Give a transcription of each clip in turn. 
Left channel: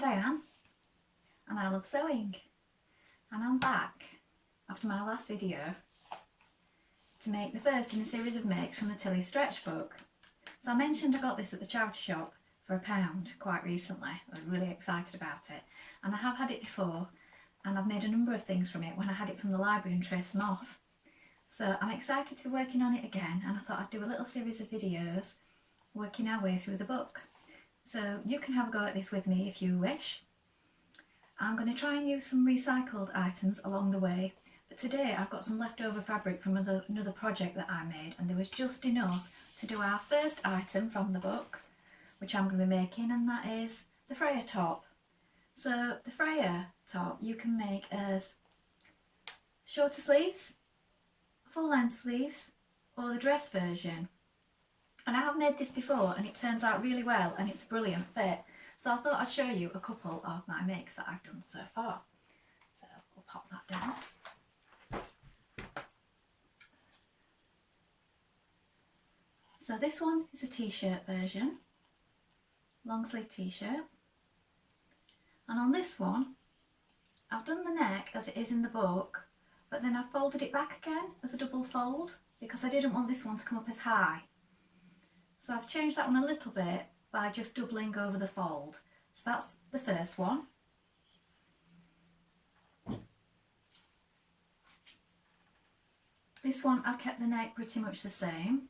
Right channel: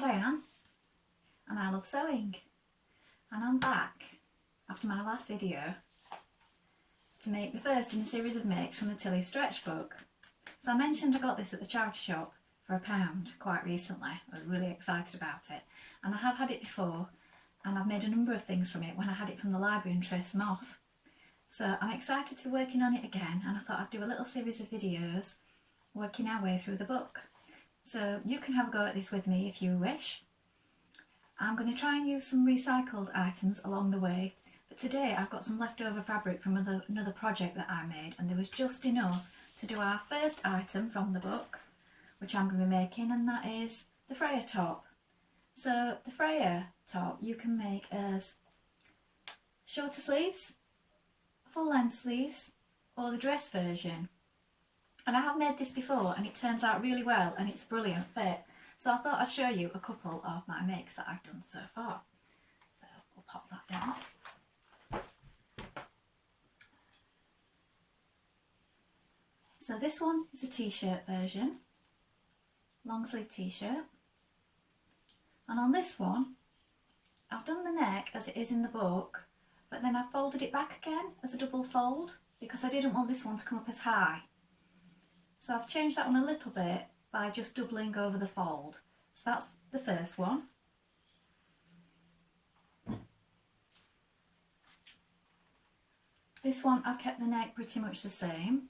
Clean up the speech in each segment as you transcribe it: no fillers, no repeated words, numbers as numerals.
Diane and I love sewing, and I'm back after my last video to make the first in a series of makes from the Tilly Stretch book. So I mentioned I got this at the charity shop for £1 quite recently. I was really excited about it, and I have had it before and I've made a number of things from it when I had it from the library and traced them off. So I'm excited to be working on it again, and I thought I'd do a little series of videos working our way through the book. So you can have a go at this with me if you wish. I'm going to try and use some recycled items along the way, but today I've got some leftover fabric from another project that I made, and there was just enough to do our first item from the book, which I'm going to be making, and that is the Freya top. So the Freya top you can make as shorter sleeves, full length sleeves, or the dress version. And I have made this before and it turns out really well and it's a brilliant fit. So I thought I'd show you a couple of my makes that I've done so far. So we'll pop that down. So this one is a t-shirt version, long sleeve t-shirt. And on this one, I've done the neck as it is in the book, but then I've folded it back again as a double fold because I didn't want this one to come up as high. So I've changed that one a little bit by just doubling over the fold. So that's the first one. This one I've kept the neck pretty much the same.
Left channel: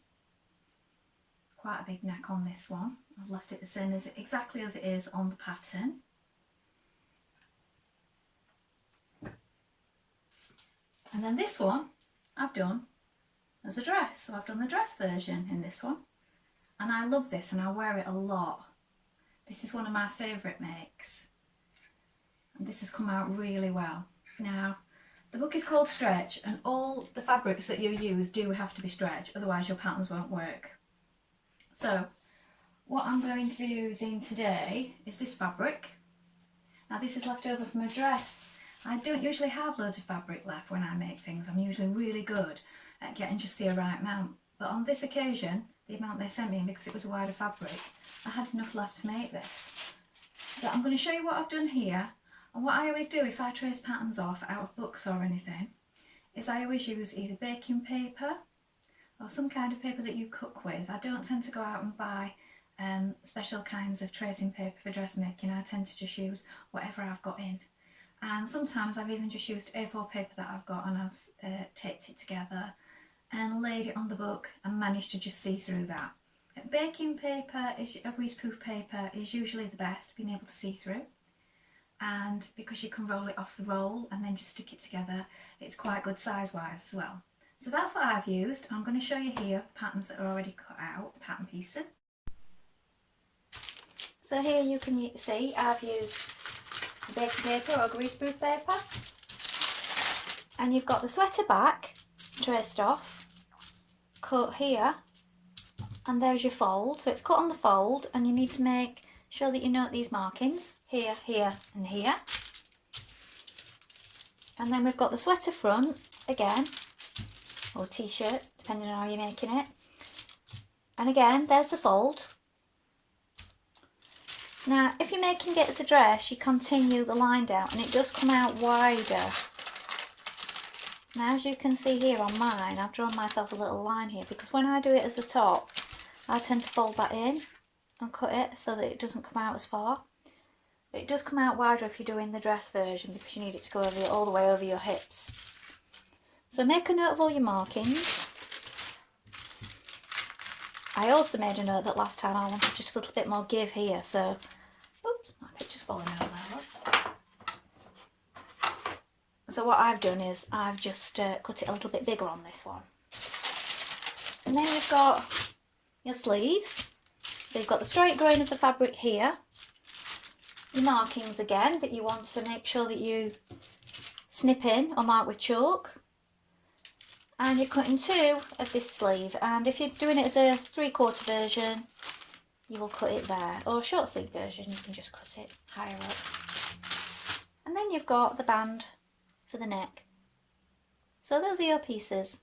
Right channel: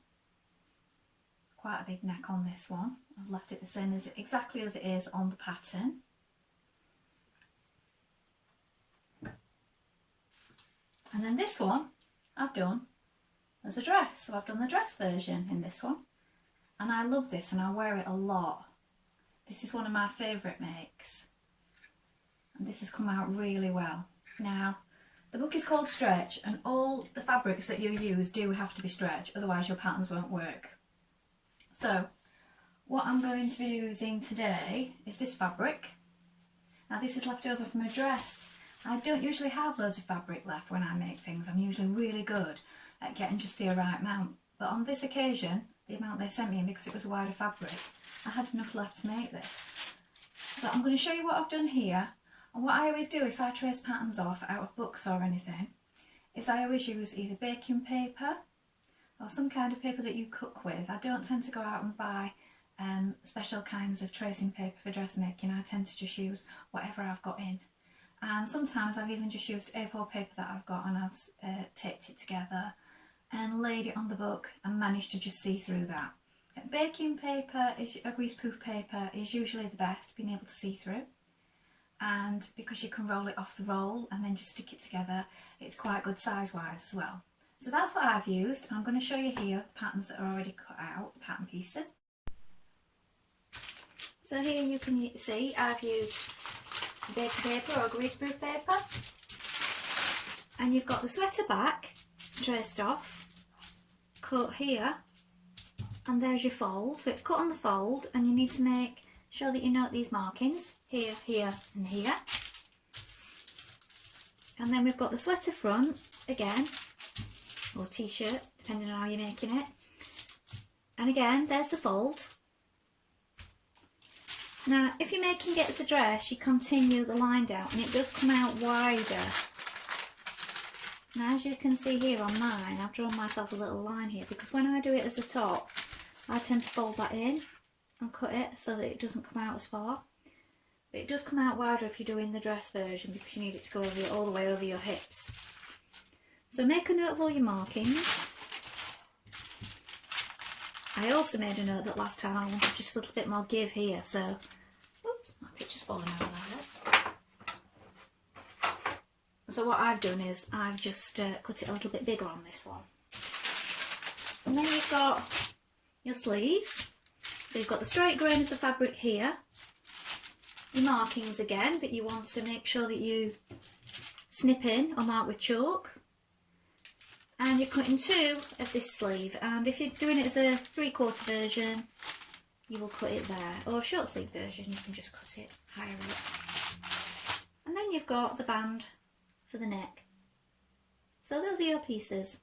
It's quite a big neck on this one. I've left it the same as exactly as it is on the pattern. And then this one I've done as a dress. So I've done the dress version in this one. And I love this and I wear it a lot. This is one of my favourite makes. And this has come out really well. Now, the book is called Stretch, and all the fabrics that you use do have to be stretch, otherwise your patterns won't work. So, what I'm going to be using today is this fabric. Now this is left over from a dress. I don't usually have loads of fabric left when I make things. I'm usually really good at getting just the right amount. But on this occasion, the amount they sent me, because it was a wider fabric, I had enough left to make this. So I'm going to show you what I've done here, and what I always do if I trace patterns off out of books or anything is I always use either baking paper or some kind of paper that you cook with. I don't tend to go out and buy special kinds of tracing paper for dressmaking. I tend to just use whatever I've got in, and sometimes I've even just used A4 paper that I've got and I've taped it together and laid it on the book and managed to just see through that. Baking paper, a greaseproof paper, is usually the best, being able to see through, and because you can roll it off the roll and then just stick it together, it's quite good size wise as well. So that's what I've used. I'm going to show you here the patterns that are already cut out, the pattern pieces. So here you can see I've used baking paper or greaseproof paper, and you've got the sweater back traced off, cut here, and there's your fold. So it's cut on the fold, and you need to make sure that you note these markings here, here and here. And then we've got the sweater front again, or t-shirt depending on how you're making it, and again there's the fold. Now if you're making it as a dress, you continue the line down and it does come out wider. Now as you can see here on mine, I've drawn myself a little line here because when I do it as the top, I tend to fold that in and cut it so that it doesn't come out as far. But it does come out wider if you're doing the dress version because you need it to go over all the way over your hips. So make a note of all your markings. I also made a note that last time I wanted just a little bit more give here, so oops, my picture's falling over there, look. So what I've done is I've just cut it a little bit bigger on this one. And then you've got your sleeves. So you've got the straight grain of the fabric here. Your markings again that you want to make sure that you snip in or mark with chalk. And you're cutting 2 of this sleeve, and if you're doing it as a 3/4 version, you will cut it there, or a short sleeve version, you can just cut it higher up. And then you've got the band for the neck. So those are your pieces.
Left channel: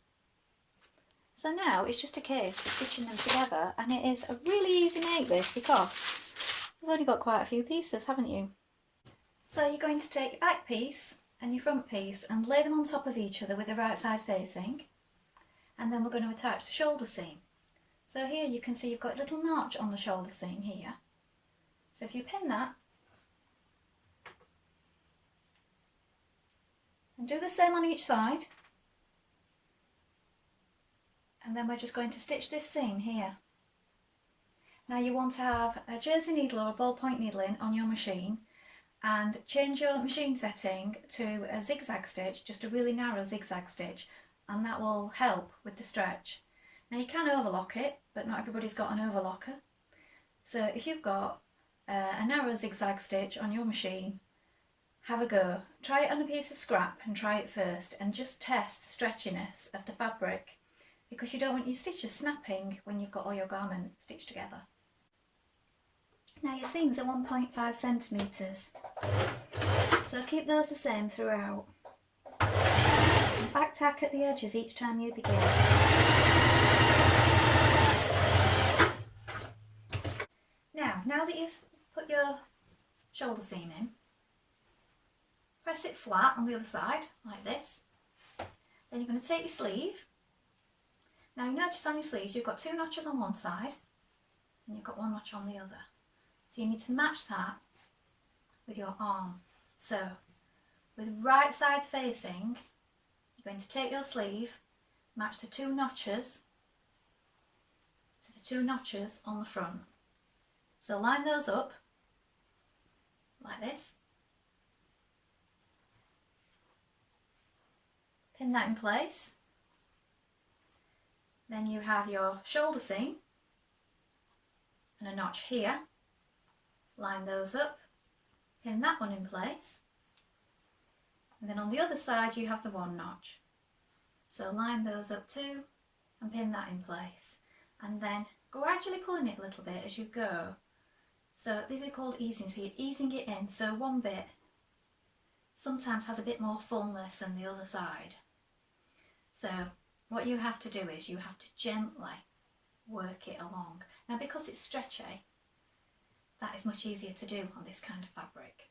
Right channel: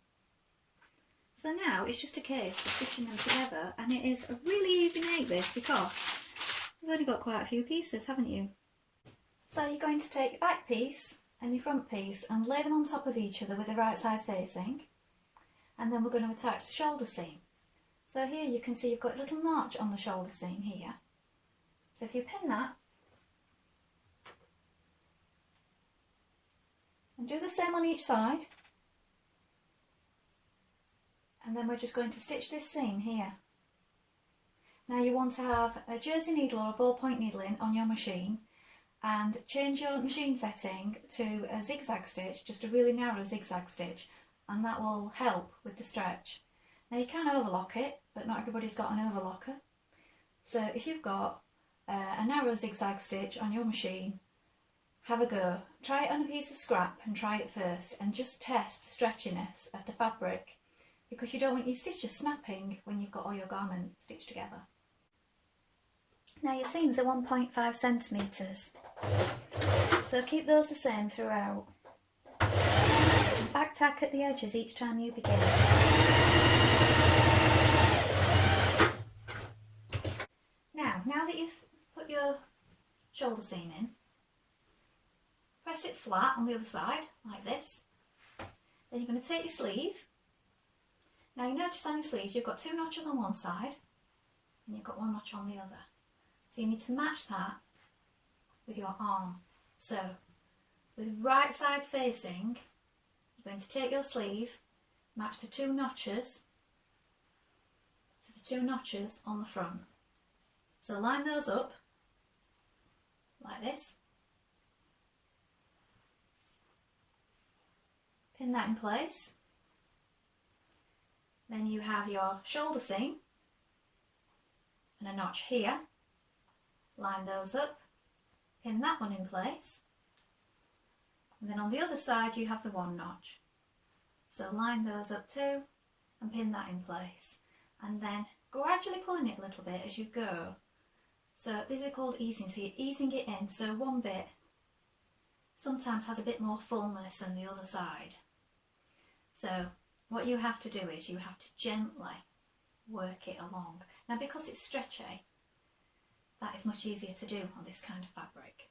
So now it's just a case of stitching them together, and it is a really easy make this because you've only got quite a few pieces, haven't you? So you're going to take your back piece and your front piece and lay them on top of each other with the right sides facing, and then we're going to attach the shoulder seam. So here you can see you've got a little notch on the shoulder seam here. So if you pin that, and do the same on each side, and then we're just going to stitch this seam here. Now you want to have a jersey needle or a ballpoint needle in on your machine, and change your machine setting to a zigzag stitch, just a really narrow zigzag stitch, and that will help with the stretch. Now you can overlock it, but not everybody's got an overlocker. So if you've got a narrow zigzag stitch on your machine, have a go. Try it on a piece of scrap and try it first, and just test the stretchiness of the fabric, because you don't want your stitches snapping when you've got all your garment stitched together. Now your seams are 1.5 centimetres, so keep those the same throughout. And back tack at the edges each time you begin. Now that you've put your shoulder seam in, press it flat on the other side like this. Then you're going to take your sleeve. Now you notice on your sleeves you've got 2 notches on one side and you've got 1 notch on the other. So you need to match that with your arm. So with right sides facing, you're going to take your sleeve, match the 2 notches to the 2 notches on the front. So line those up like this. Pin that in place. Then you have your shoulder seam and a notch here. Line those up, pin that one in place, and then on the other side you have the 1 notch. So line those up too and pin that in place, and then gradually pulling it a little bit as you go. So this is called easing, so you're easing it in, so one bit sometimes has a bit more fullness than the other side. So what you have to do is you have to gently work it along. Now because it's stretchy, that is much easier to do on this kind of fabric.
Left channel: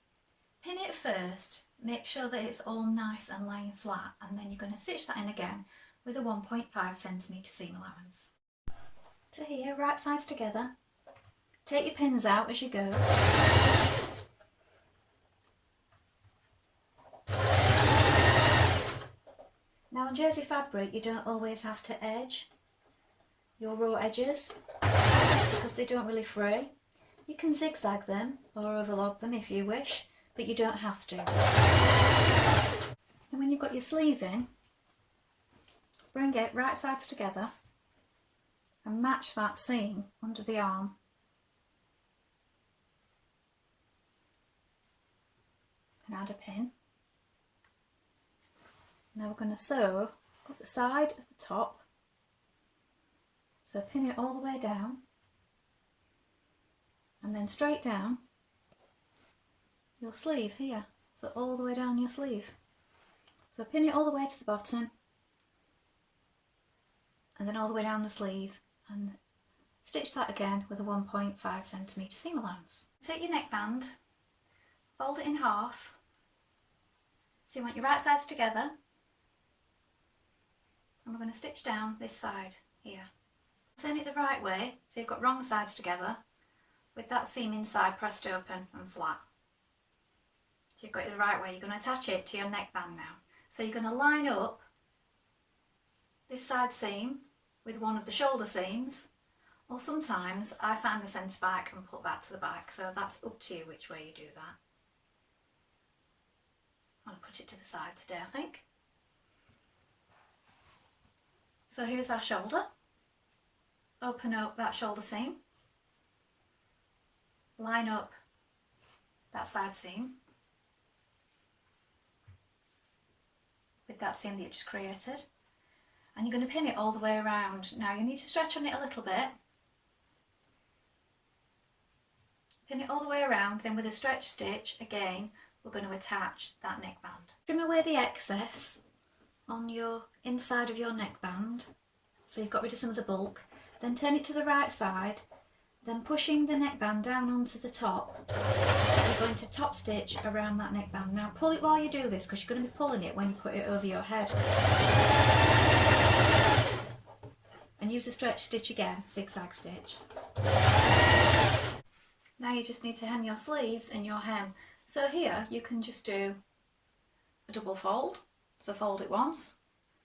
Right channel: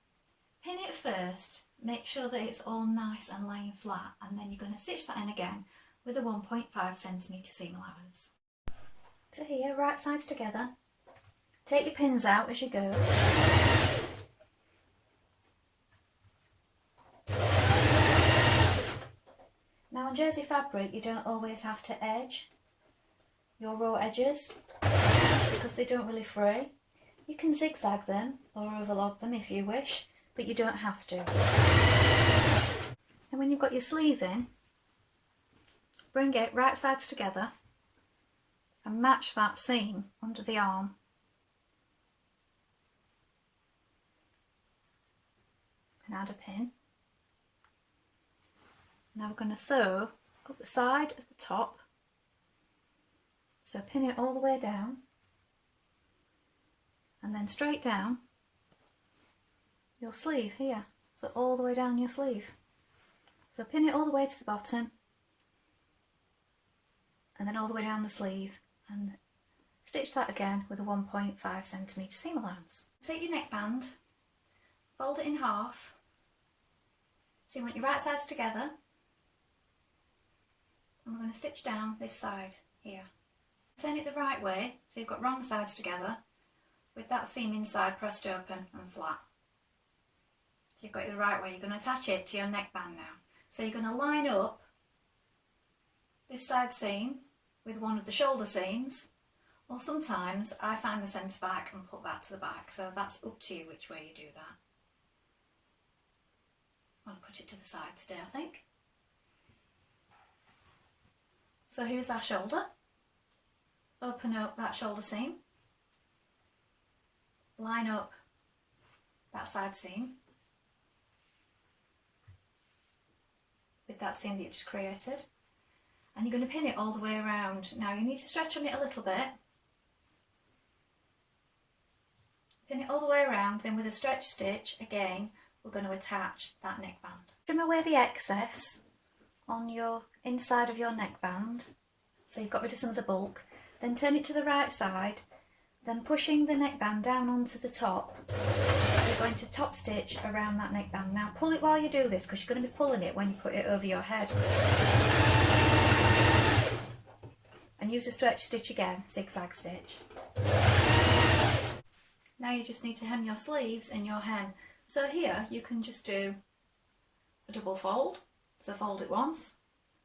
Pin it first, make sure that it's all nice and lying flat, and then you're going to stitch that in again with a 1.5 centimetre seam allowance. To here, right sides together. Take your pins out as you go. Now on jersey fabric you don't always have to edge your raw edges because they don't really fray. You can zigzag them or overlock them if you wish, but you don't have to. And when you've got your sleeve in, bring it right sides together and match that seam under the arm. And add a pin. Now we're going to sew up the side of the top. So pin it all the way down. And then straight down your sleeve here, so all the way down your sleeve. So pin it all the way to the bottom and then all the way down the sleeve, and stitch that again with a 1.5 centimetre seam allowance. Take your neckband, fold it in half, so you want your right sides together, and we're going to stitch down this side here. Turn it the right way, so you've got wrong sides together, with that seam inside pressed open and flat. So you've got it the right way. You're going to attach it to your neckband now. So you're going to line up this side seam with one of the shoulder seams, or sometimes I find the centre back and put that to the back, so that's up to you which way you do that. I'm going to put it to the side today, I think. So here's our shoulder. Open up that shoulder seam. Line up that side seam with that seam that you've just created, and you're going to pin it all the way around. Now you need to stretch on it a little bit. Pin it all the way around, then with a stretch stitch again we're going to attach that neckband. Trim away the excess on your inside of your neckband, so you've got rid of some of the bulk, then turn it to the right side, then pushing the neckband down onto the top, we're going to top stitch around that neckband. Now pull it while you do this, because you're going to be pulling it when you put it over your head. And use a stretch stitch again, zigzag stitch. Now you just need to hem your sleeves and your hem. So here you can just do a double fold. So fold it once,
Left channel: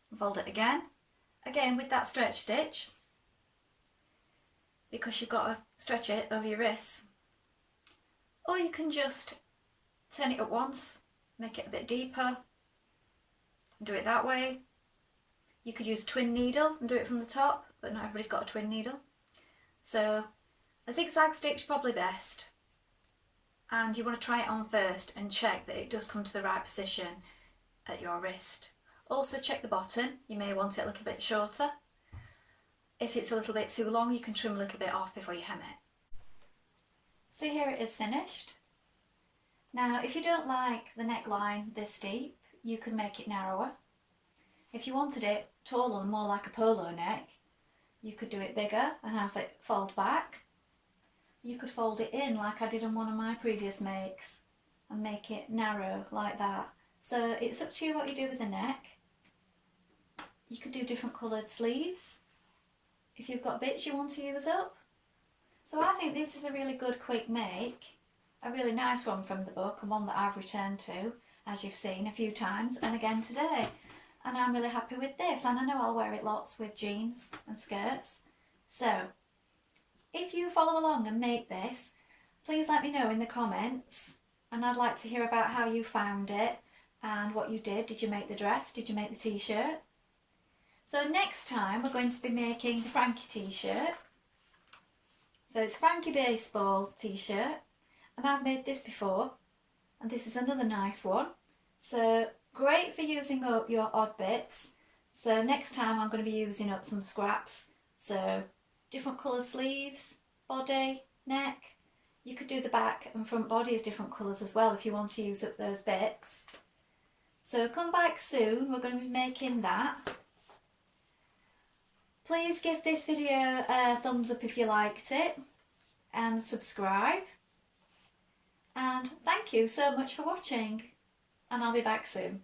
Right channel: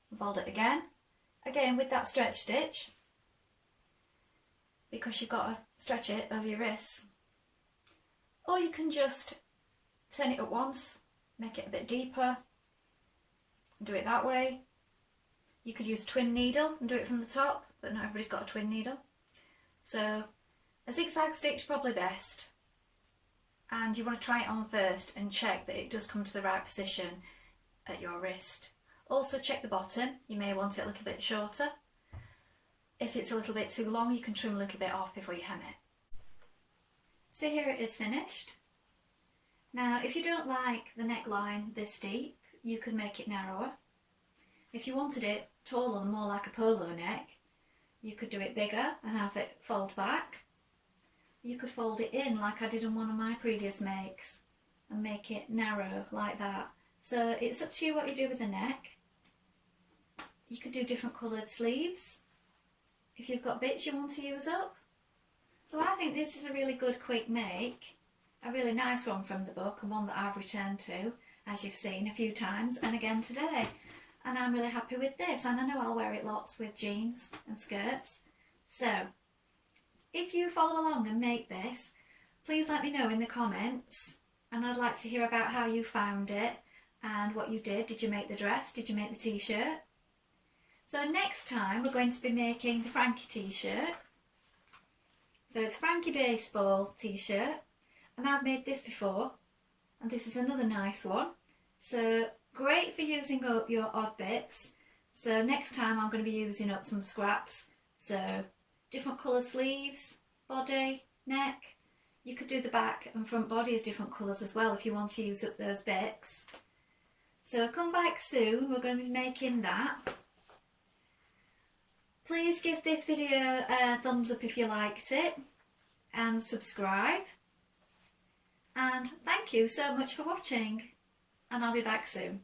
and fold it again. Again with that stretch stitch, because you've got to stretch it over your wrists. Or you can just turn it up once, make it a bit deeper, and do it that way. You could use a twin needle and do it from the top, but not everybody's got a twin needle. So a zigzag stitch probably best. And you want to try it on first and check that it does come to the right position at your wrist. Also check the bottom, you may want it a little bit shorter. If it's a little bit too long, you can trim a little bit off before you hem it. So here it is finished. Now if you don't like the neckline this deep, you can make it narrower. If you wanted it taller and more like a polo neck, you could do it bigger and have it fold back. You could fold it in like I did on one of my previous makes and make it narrow like that. So it's up to you what you do with the neck. You could do different coloured sleeves if you've got bits you want to use up. So I think this is a really good quick make, a really nice one from the book, and one that I've returned to, as you've seen a few times and again today. And I'm really happy with this, and I know I'll wear it lots with jeans and skirts. So if you follow along and make this, please let me know in the comments, and I'd like to hear about how you found it and what you did. Did you make the dress? Did you make the t-shirt? So next time we're going to be making the Frankie t-shirt. So it's Frankie baseball t-shirt, and I've made this before, and this is another nice one. So great for using up your odd bits. So next time I'm going to be using up some scraps. So different colour sleeves, body, neck. You could do the back and front body as different colours as well if you want to use up those bits. So come back soon, we're going to be making that. Please give this video a thumbs up if you liked it, and subscribe. And thank you so much for watching, and I'll be back soon.